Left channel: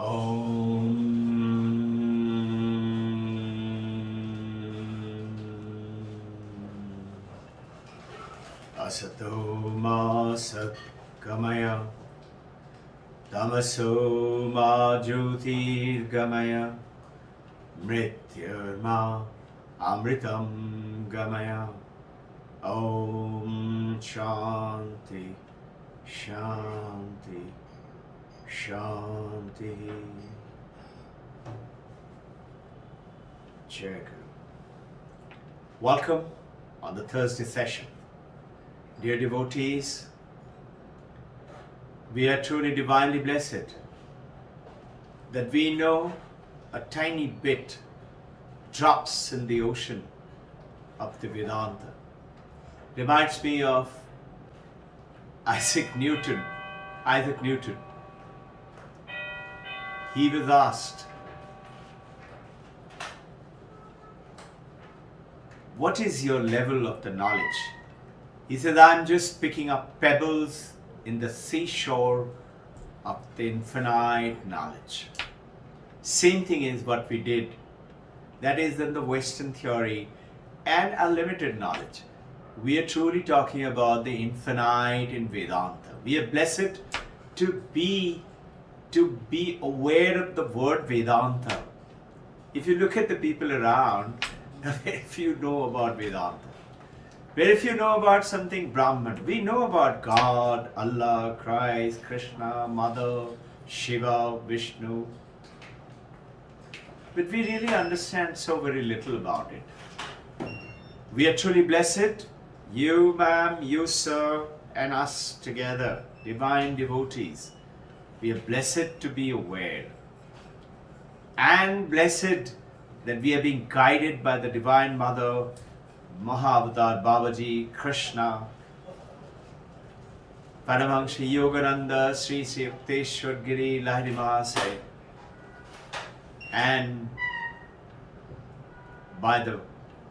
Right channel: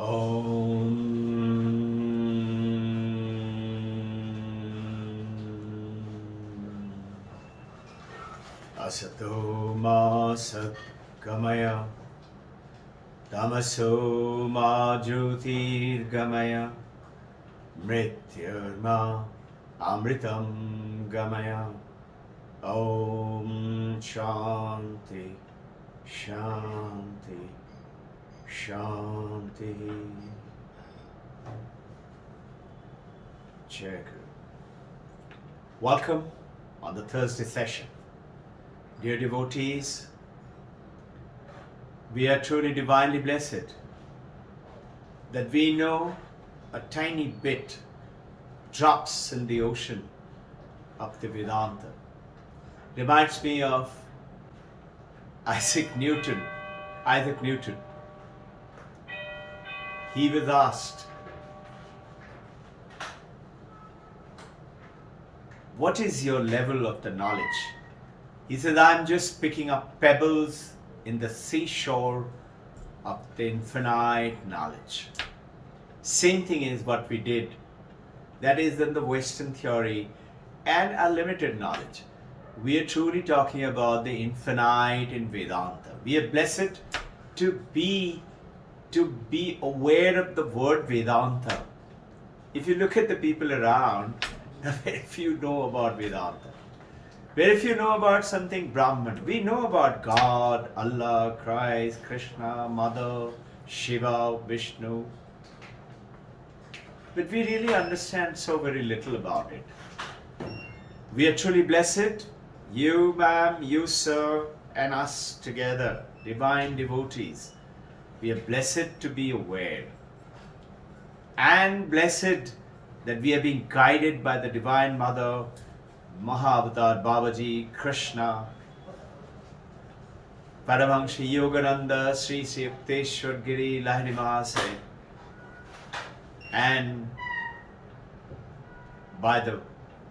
Om Asato Ma Satgamaya Tamaso Ma Jyotirgamaya Mrityurma Amritam Gamaya. Om Shanti Shanti Shanti. Jai Guru. Welcome on the Thursday session. Dear devotees, we are truly divinely blessed that we know a tiny bit, drops in the ocean of the Vedanta. Reminds me of Isaac Newton. He was asked, what is your level of the knowledge? He said, I'm just picking up pebbles in the seashore of the infinite knowledge. Same thing is what we did. That is in the Western theory and our limited knowledge. We are truly talking about the infinite in Vedanta. We are blessed to be aware of the word Vedanta. If you look at the people around, very few know about Vedanta. Very few know about something Brahman. We know about God, Allah, Christ, Krishna, Mother, Shiva, Vishnu. But we really understand so very little about it. We are truly blessed, you ma'am, you sir, and us together, divine devotees. We are blessed to be aware and blessed that we are being guided by the Divine Mother, Mahavatar Babaji, Krishna, Paramahansa Yogananda, Sri Sri Yukteswar Giri Lahiri Mahasaya, and by the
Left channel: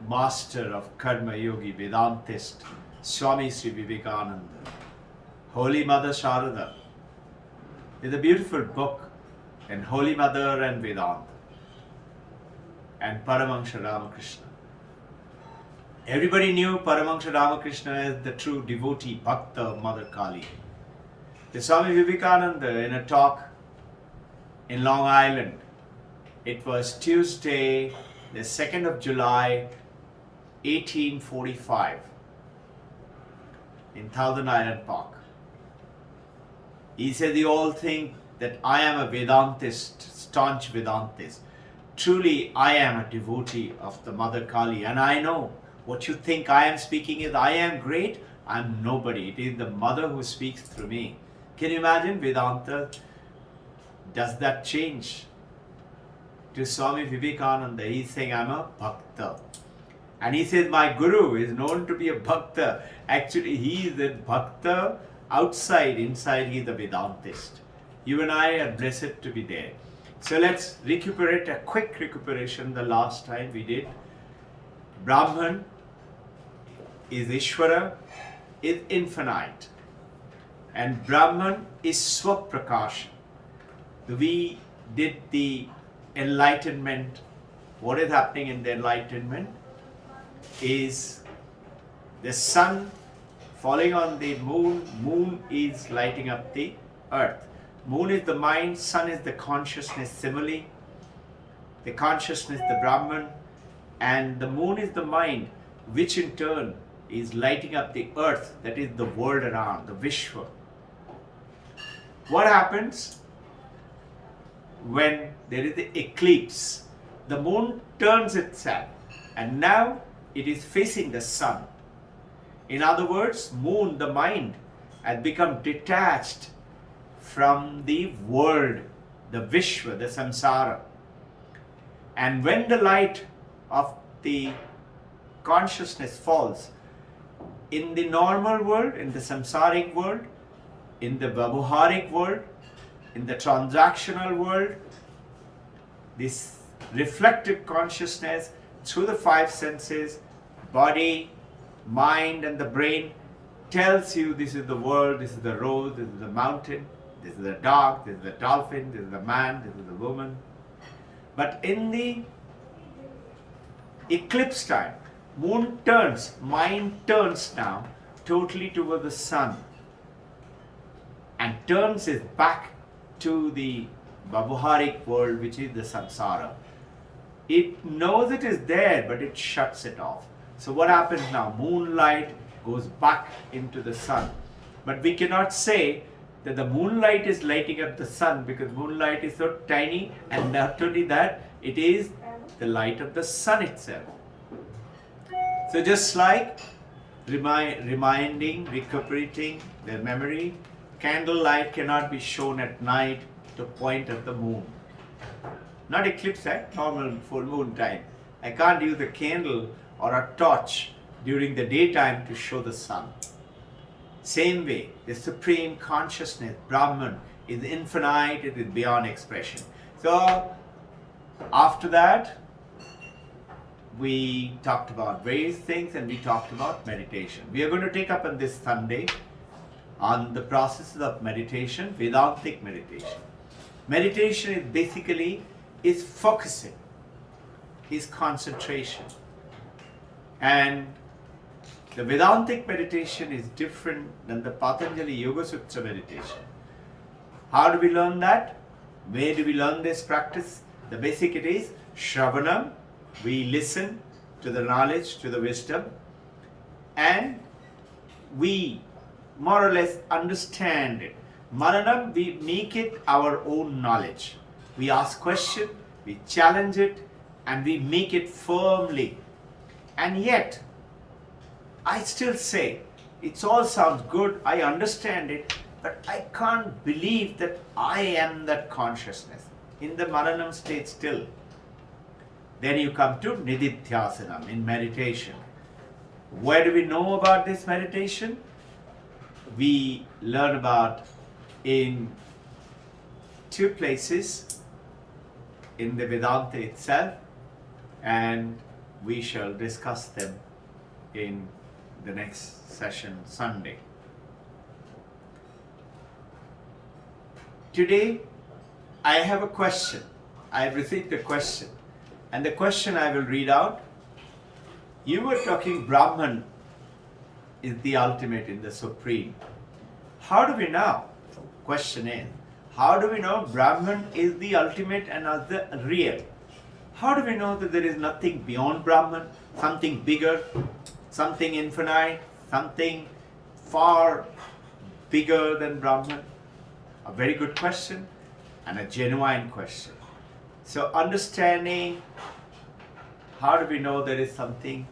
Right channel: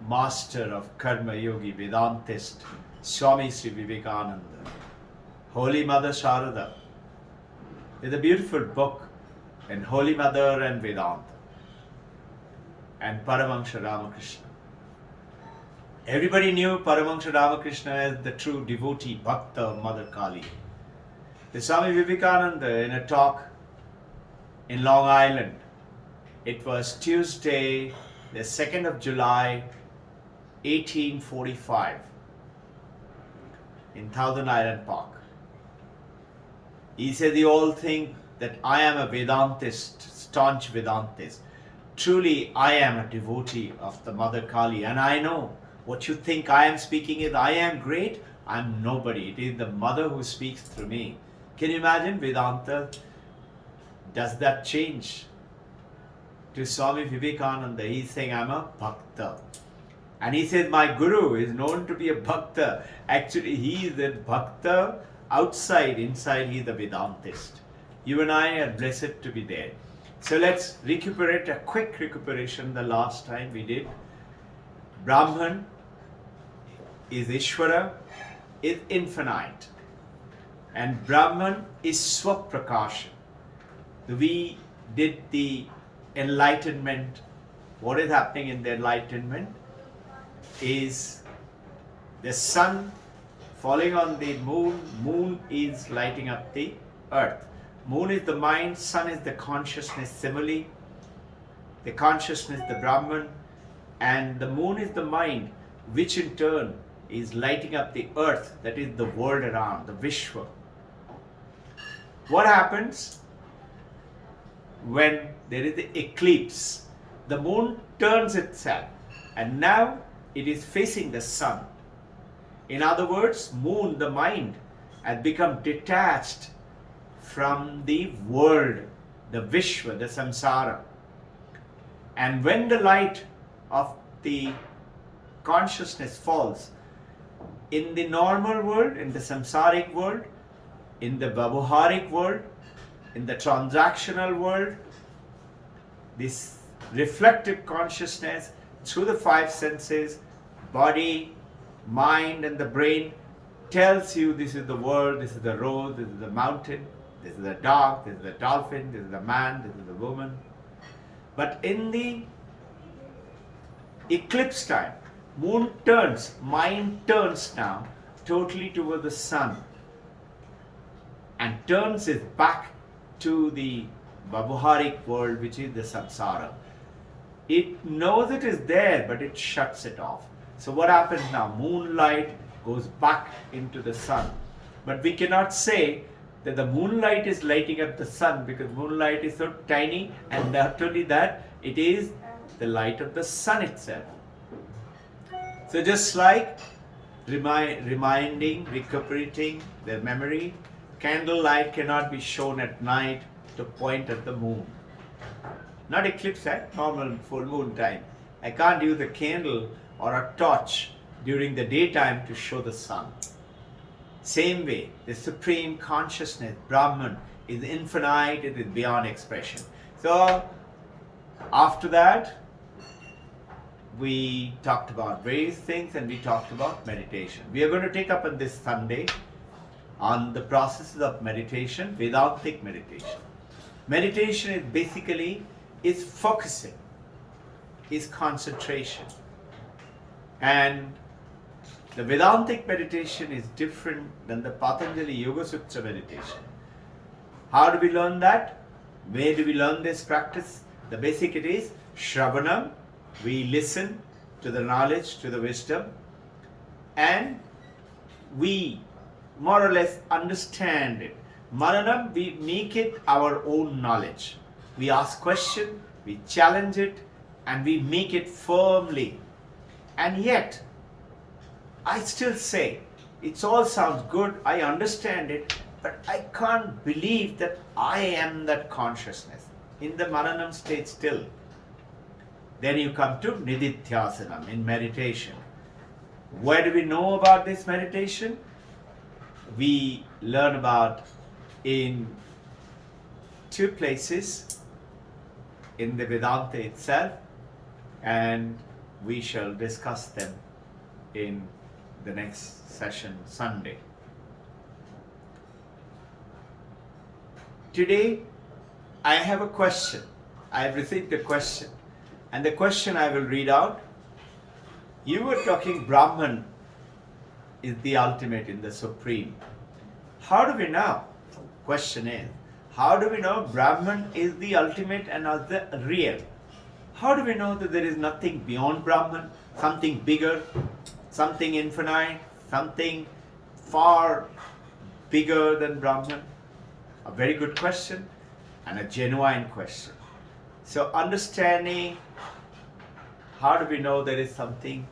master of Karma Yogi Vedantist, Swami Sri Vivekananda, Holy Mother Sharada. There's a beautiful book in Holy Mother and Vedanta, and Paramahansa Ramakrishna. Everybody knew Paramahansa Ramakrishna as the true devotee, Bhakta of Mother Kali. The Swami Vivekananda in a talk in Long Island, it was Tuesday, the 2nd of July, 1845, in Thousand Island Park. He said, you all think that I am a Vedantist, staunch Vedantist. Truly, I am a devotee of the Mother Kali, and I know what you think I am speaking is, I am great, I am nobody. It is the Mother who speaks through me. Can you imagine Vedanta? Does that change? To Swami Vivekananda, he's saying, I'm a Bhakta. And he says, my Guru is known to be a Bhakta. Actually, he is a Bhakta outside, inside he is a Vedantist. You and I are blessed to be there. So let's recuperate, a quick recuperation the last time we did. Brahman is Ishvara, is infinite. And Brahman is Swaprakasha. We did the enlightenment. What is happening in the enlightenment is the sun falling on the moon. Moon is lighting up the earth. Moon is the mind, sun is the consciousness simile. The consciousness, the Brahman, and the moon is the mind, which in turn is lighting up the earth, that is the world around, the Vishwa. What happens when there is the eclipse? The moon turns itself and now it is facing the sun. In other words, moon, the mind, has become detached from the world, the Vishwa, the samsara. And when the light of the consciousness falls in the normal world, in the samsaric world, in the vyavaharic world, in the transactional world, this reflective consciousness through the five senses, body, mind and the brain, tells you this is the world, this is the road, this is the mountain. This is a dog, this is a dolphin, this is a man, this is a woman. But in the eclipse time, mind turns now totally toward the sun and turns it back to the Babuharic world, which is the samsara. It knows it is there, but it shuts it off. So what happens now? Moonlight goes back into the sun. But we cannot say that the moonlight is lighting up the sun, because moonlight is so tiny, and not only that, it is the light of the sun itself. So just like recuperating their memory, candlelight cannot be shown at night to point at the moon. Not eclipse time, normal full moon time. I can't use a candle or a torch during the daytime to show the sun. Same way, the supreme consciousness, Brahman, is infinite, it is beyond expression. So, after that, we talked about various things and we talked about meditation. We are going to take up on this Sunday on the processes of meditation, Vedantic meditation. Meditation is basically focusing, is concentration. And the Vedantic meditation is different than the Patanjali Yoga Sutra meditation. How do we learn that? Where do we learn this practice? The basic it is Shravanam. We listen to the knowledge, to the wisdom, and we more or less understand it. Maranam, we make it our own knowledge. We ask question, we challenge it, and we make it firmly. And yet, I still say, it all sounds good, I understand it, but I can't believe that I am that consciousness in the Maranam state still. Then you come to Nididhyasanam in meditation. Where do we know about this meditation? We learn about in two places in the Vedanta itself, and we shall discuss them in the next session Sunday. Today I have a question. I have received a question, and the question I will read out. You were talking Brahman is the ultimate in the supreme. How do we know? Question is, how do we know Brahman is the ultimate and the real? How do we know that there is nothing beyond Brahman, something bigger, something infinite, something far bigger than Brahman? A very good question and a genuine question. So understanding, how do we know there is something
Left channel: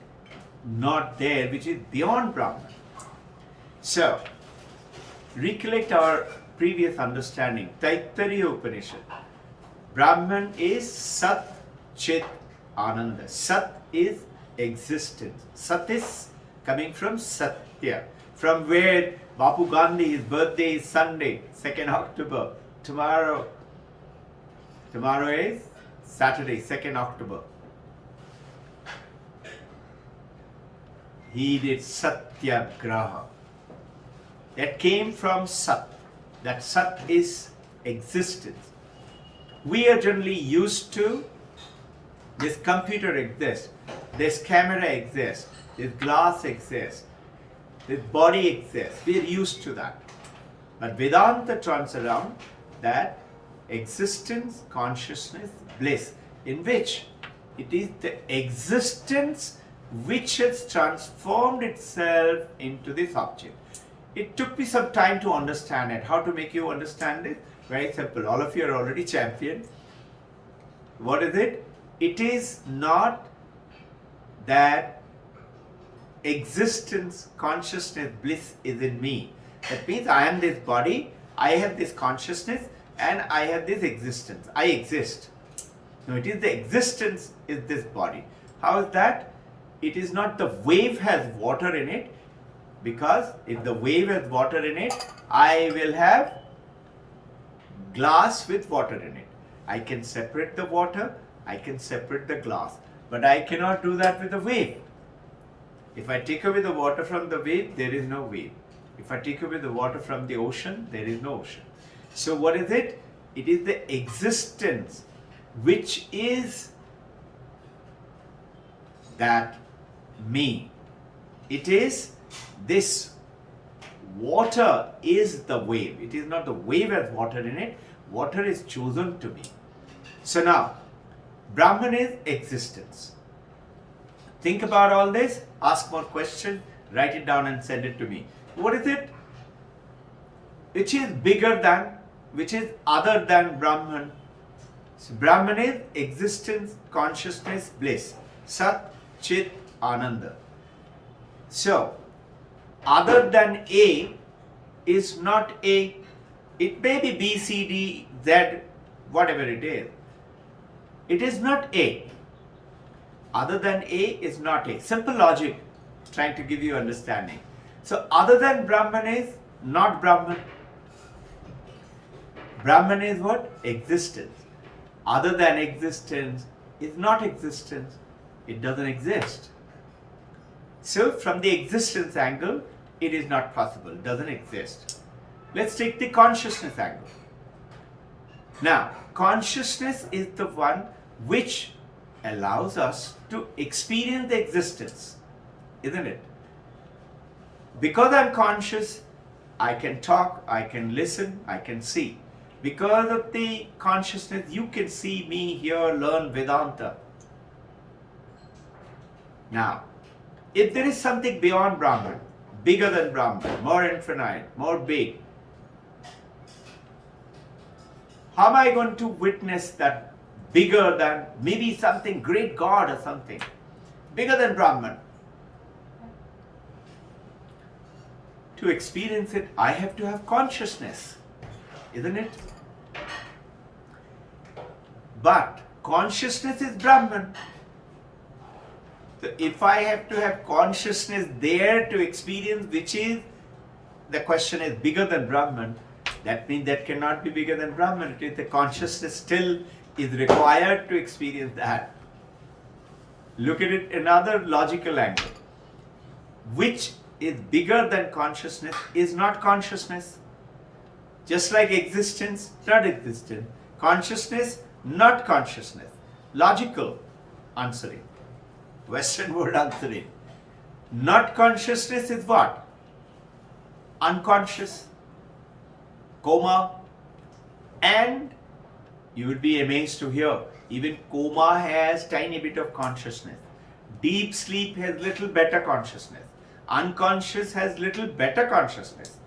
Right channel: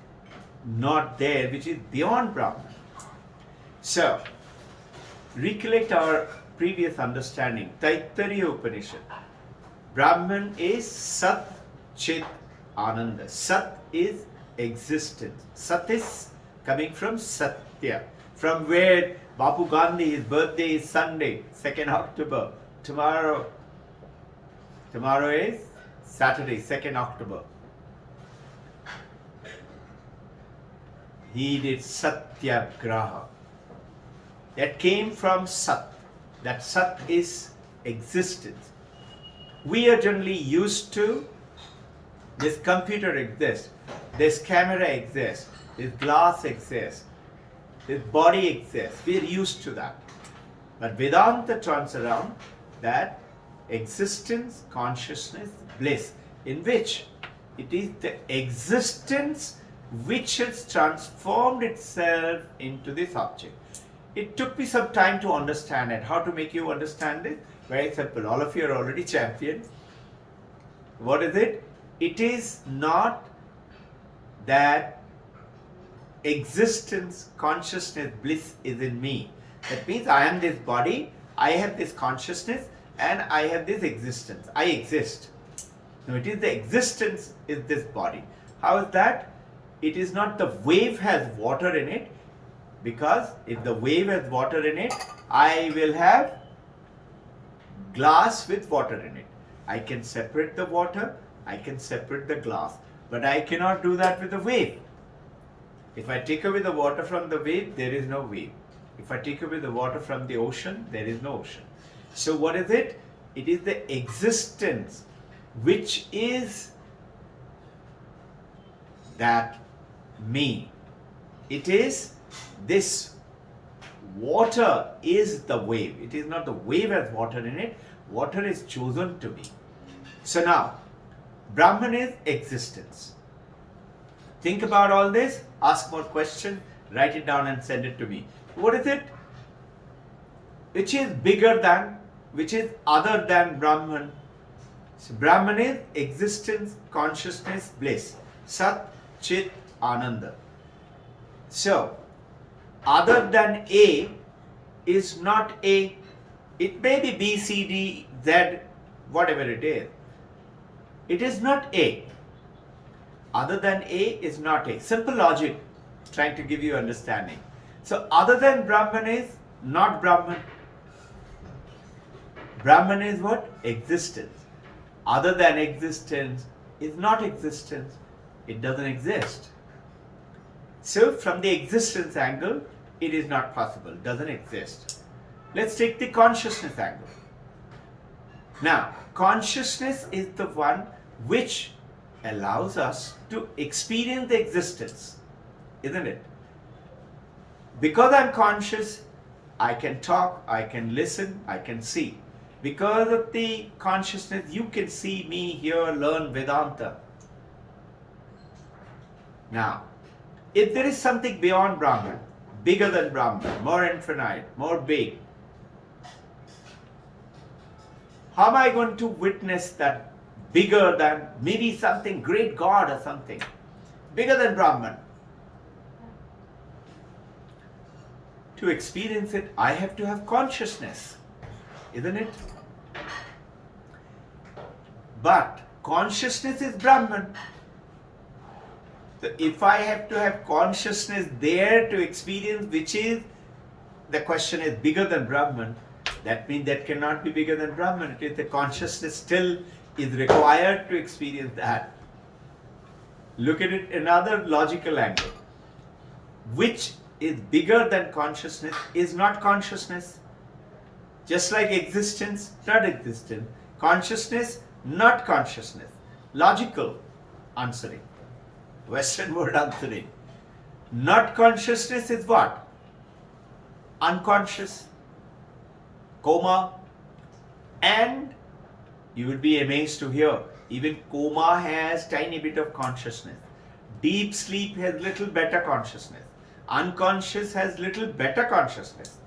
not there which is beyond Brahman? So, recollect our previous understanding, Taittiriya Upanishad. Brahman is Sat Chit Ananda. Sat is existence. Sat is coming from Satya, from where Bapu Gandhi, his birthday is Sunday, 2nd October. Tomorrow is Saturday, 2nd October. He did Satyagraha. That came from Sat. That Sat is existence. We are generally used to this computer exists, this camera exists, this glass exists, this body exists. We are used to that. But Vedanta turns around that existence, consciousness, bliss, in which it is the existence which has transformed itself into this object. It took me some time to understand it. How to make you understand it? Very simple. All of you are already champion. What is it? It is not that existence, consciousness, bliss is in me. That means I am this body, I have this consciousness, and I have this existence. I exist. No, it is the existence is this body. How is that? It is not the wave has water in it, because if the wave has water in it, I will have glass with water in it. I can separate the water, I can separate the glass, but I cannot do that with the wave. If I take away the water from the wave, there is no wave. If I take away the water from the ocean, there is no ocean. So what is it? It is the existence which is that me. It is this water is the wave. It is not the wave has water in it. Water is chosen to be. So now, Brahman is existence. Think about all this, ask more questions, write it down and send it to me. What is it? Which is bigger than, which is other than Brahman? So Brahman is existence, consciousness, bliss. Sat, Chit, Ananda. So, other than A is not A. It may be B, C, D, Z, whatever it is. It is not A. Other than A is not A. Simple logic, trying to give you understanding. So, other than Brahman is not Brahman. Brahman is what? Existence. Other than existence is not existence. It doesn't exist. So, from the existence angle, it is not possible, doesn't exist. Let's take the consciousness angle. Now, consciousness is the one which allows us to experience the existence, isn't it? Because I'm conscious, I can talk, I can listen, I can see. Because of the consciousness, you can see me, hear, learn Vedanta. Now, if there is something beyond Brahman, bigger than Brahman, more infinite, more big, how am I going to witness that bigger than maybe something great God or something, bigger than Brahman? To experience it, I have to have consciousness, isn't it? But consciousness is Brahman. So if I have to have consciousness there to experience, which is, the question is bigger than Brahman, that means that cannot be bigger than Brahman. It is the consciousness still is required to experience that. Look at it another logical angle. Which is bigger than consciousness is not consciousness. Just like existence, not existence. Consciousness, not consciousness. Logical answering. Western word answering. Not consciousness is what? Unconscious. Coma. And you will be amazed to hear, even coma has tiny bit of consciousness. Deep sleep has little better consciousness. Unconscious has little better consciousness.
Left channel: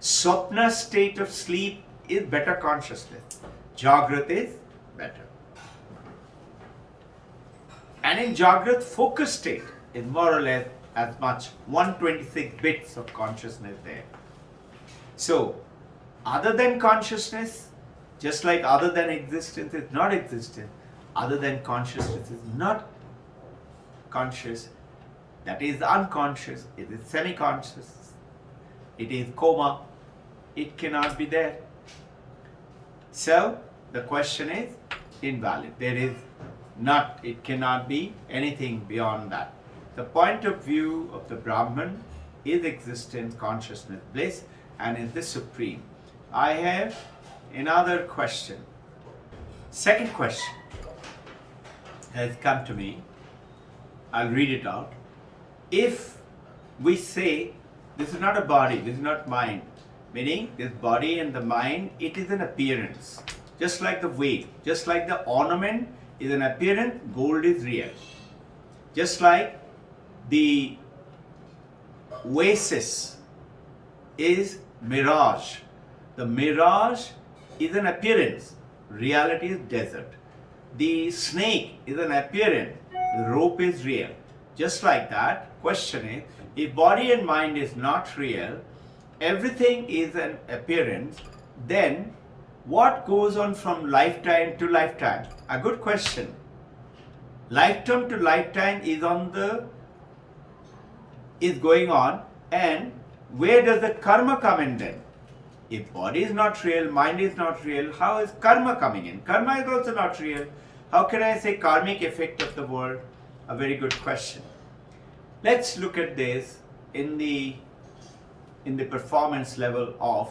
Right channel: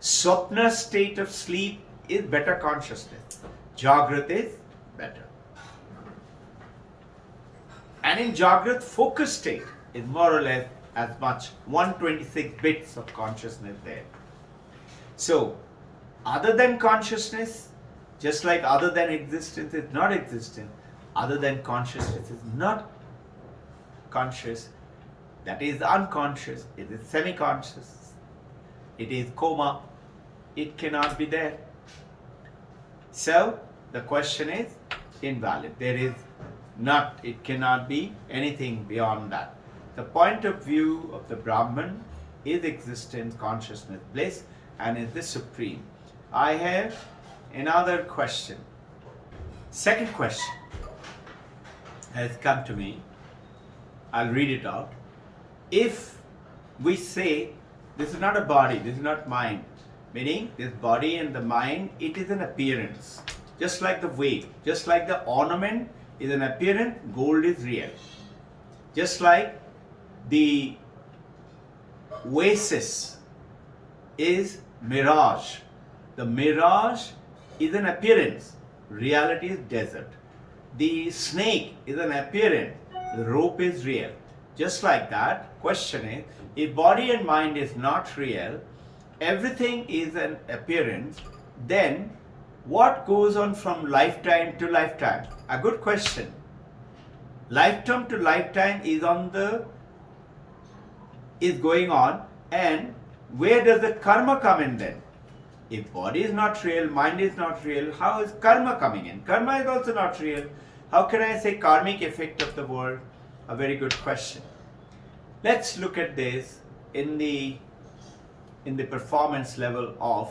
Swapna state of sleep is better consciousness. Jagrat is better. And in Jagrat, focus state is more or less as much 126 bits of consciousness there. So, other than consciousness, just like other than existence is not existent, other than consciousness is not conscious, that is unconscious, it is semi-conscious, it is coma, it cannot be there. So, the question is invalid. There is not, it cannot be anything beyond that. The point of view of the Brahman is existence, consciousness, bliss, and is the supreme. I have another question. Second question has come to me. I'll read it out. If we say this is not a body, this is not mind, meaning this body and the mind, it is an appearance. Just like the wave, just like the ornament is an appearance, gold is real. Just like the oasis is mirage. The mirage is an appearance, reality is desert. The snake is an appearance, the rope is real. Just like that, question is, if body and mind is not real, everything is an appearance, then what goes on from lifetime to lifetime? A good question. Lifetime to lifetime is going on, and where does the karma come in then? If body is not real, mind is not real, how is karma coming in? Karma is also not real. How can I say karmic effect of the world? A very good question. Let's look at this in the performance level of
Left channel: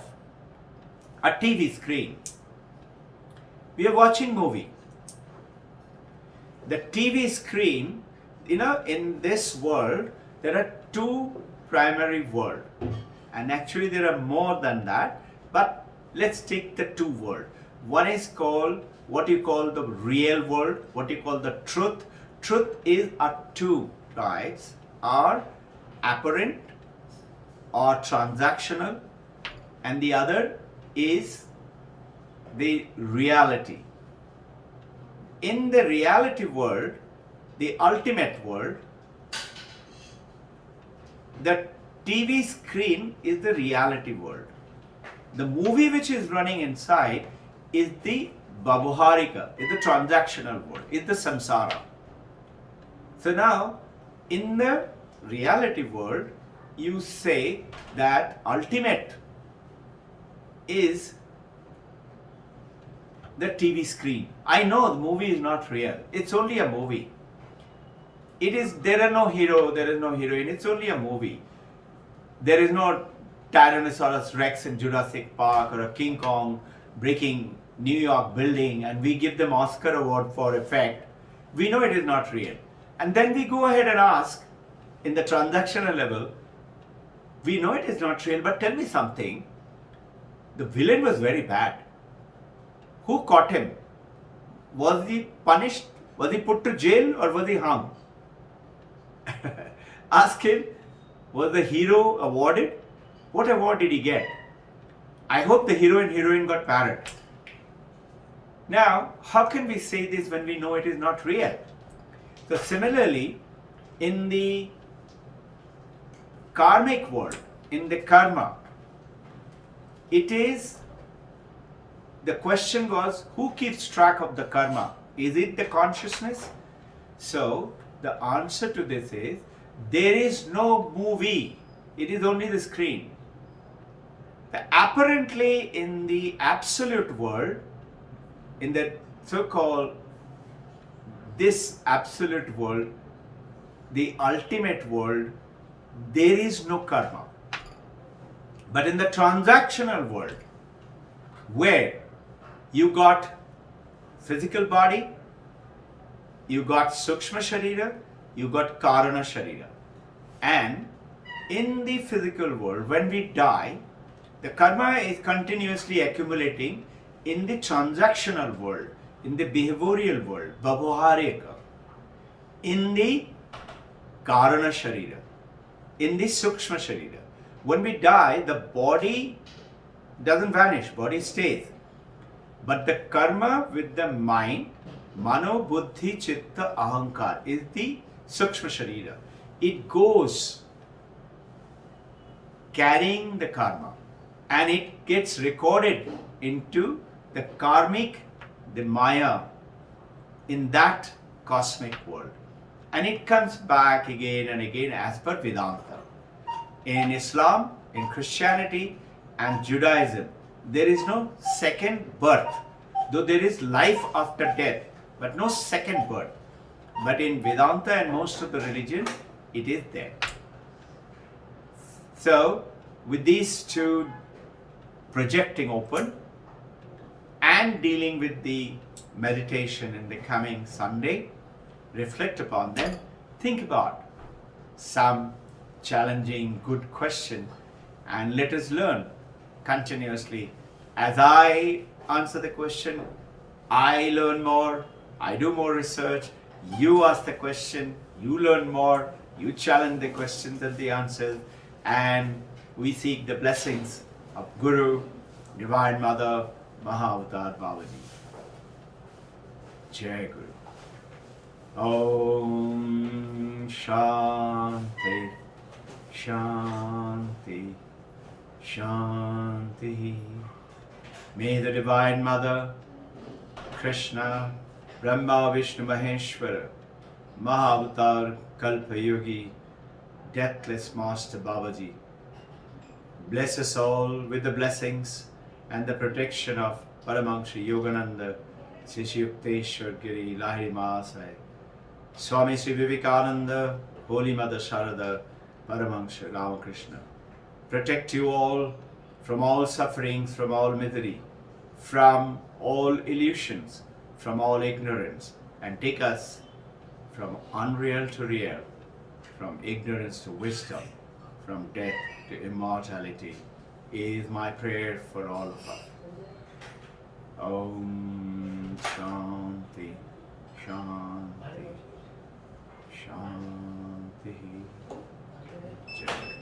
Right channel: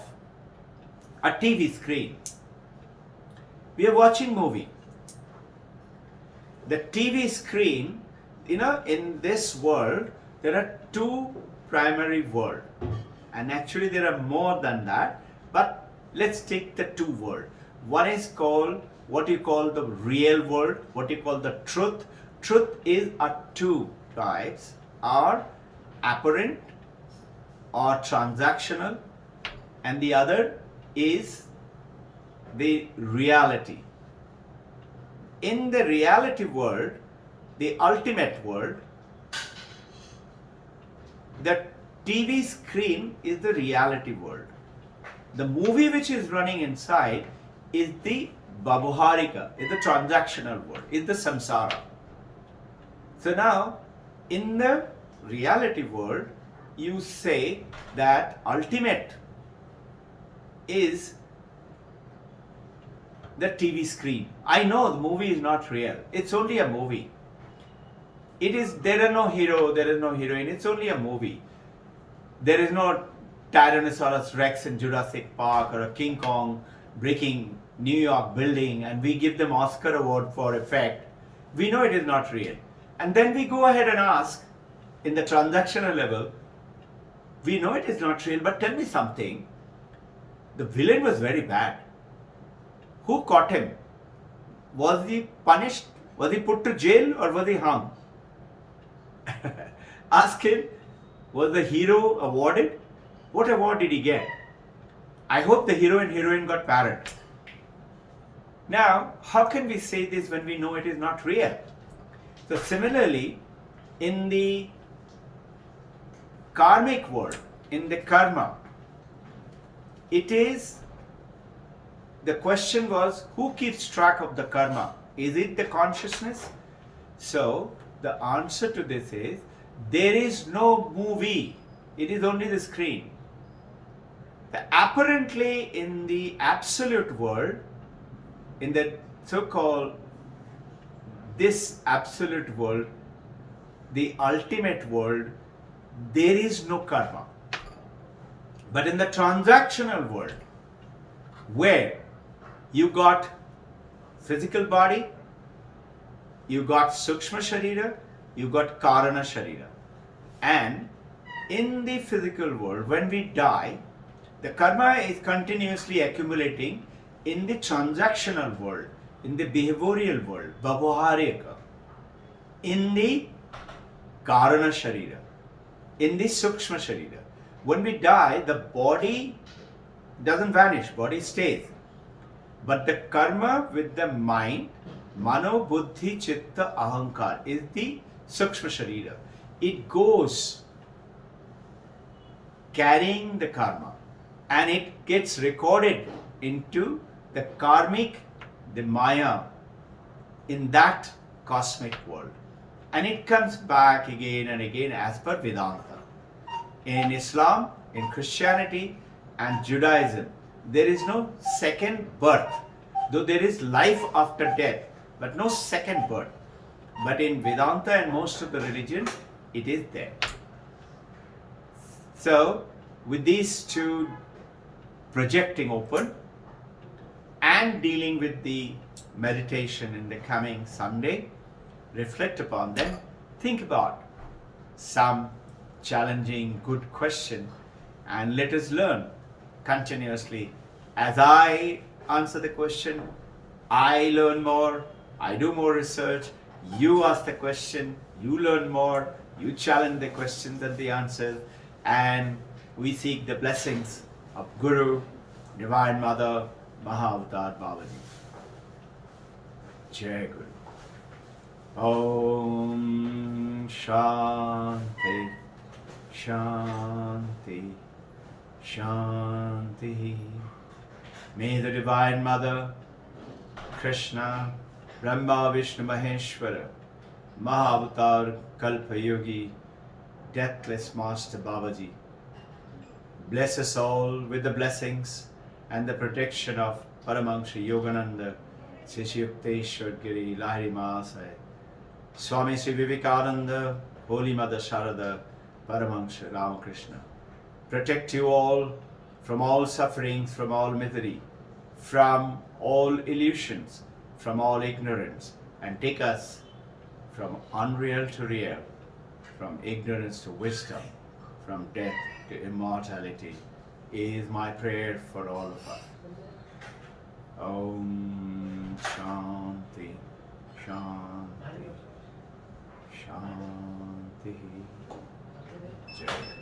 a TV screen. We are watching movie. The TV screen, in this world, there are two primary worlds. And actually there are more than that, but let's take the two worlds. One is called what you call the real world, what you call the truth. Truth are two types, are apparent or transactional, and the other is the reality. In the reality world, the ultimate world, the TV screen is the reality world. The movie which is running inside is the Babuharika, is the transactional world, is the samsara. So now, in the reality world, you say that ultimate is the TV screen. I know the movie is not real. It's only a movie. There are no hero, there is no heroine. It's only a movie. There is no Tyrannosaurus Rex in Jurassic Park or a King Kong breaking New York building and we give them Oscar award for effect. We know it is not real. And then we go ahead and ask in the transactional level, we know it is not real, but tell me something. The villain was very bad. Who caught him? Was he punished? Was he put to jail or was he hung? Ask him, was the hero awarded? What award did he get? I hope the hero and heroine got parrot. Now, how can we say this when we know it is not real? So similarly, in the karmic world, in the karma, the question was, who keeps track of the karma? Is it the consciousness? So the answer to this is, there is no movie. It is only the screen. Apparently in the absolute world, in the so-called this absolute world, the ultimate world, there is no karma. But in the transactional world, where you got physical body, you got Sukshma Sharira, you got Karana Sharira. And in the physical world, when we die, the karma is continuously accumulating in the transactional world, in the behavioral world, Bhavaharika, in the Karana Sharira, in the Sukshma Sharira. When we die, the body doesn't vanish, body stays. But the karma with the mind, Mano, Buddhi, Chitta, Ahankar, is the Sukshma Sharira. It goes carrying the karma and it gets recorded into the karmic, the Maya, in that cosmic world. And it comes back again and again as per Vedanta. In Islam, in Christianity and Judaism, there is no second birth, though there is life after death, but no second birth. But in Vedanta and most of the religion, it is there. So, with these two projecting open and dealing with the meditation in the coming Sunday, reflect upon them, think about some challenging, good question, and let us learn continuously. As I answer the question, I learn more, I do more research, you ask the question, you learn more, you challenge the questions and the answers, and we seek the blessings of Guru, Divine Mother, Mahavatar Babaji. Jai Guru. Om Shanti, Shanti, Shanti. May the Divine Mother, Krishna, Brahma, Vishnu, Maheshwara, Mahavatar, Kalpa Yogi, Deathless Master Babaji, bless us all with the blessings and the protection of Paramahansa Yogananda, Sri Yukteswar Giri, Lahiri Mahasaya, Swami Sri Vivekananda, Holy Mother Sharada, Paramahansa Ramakrishna. Protect you all from all sufferings, from all misery, from all illusions, from all ignorance, and take us from unreal to real, from ignorance to wisdom, from death to immortality, is my prayer for all of us. Om Shanti, Shanti, Shanti. Jai.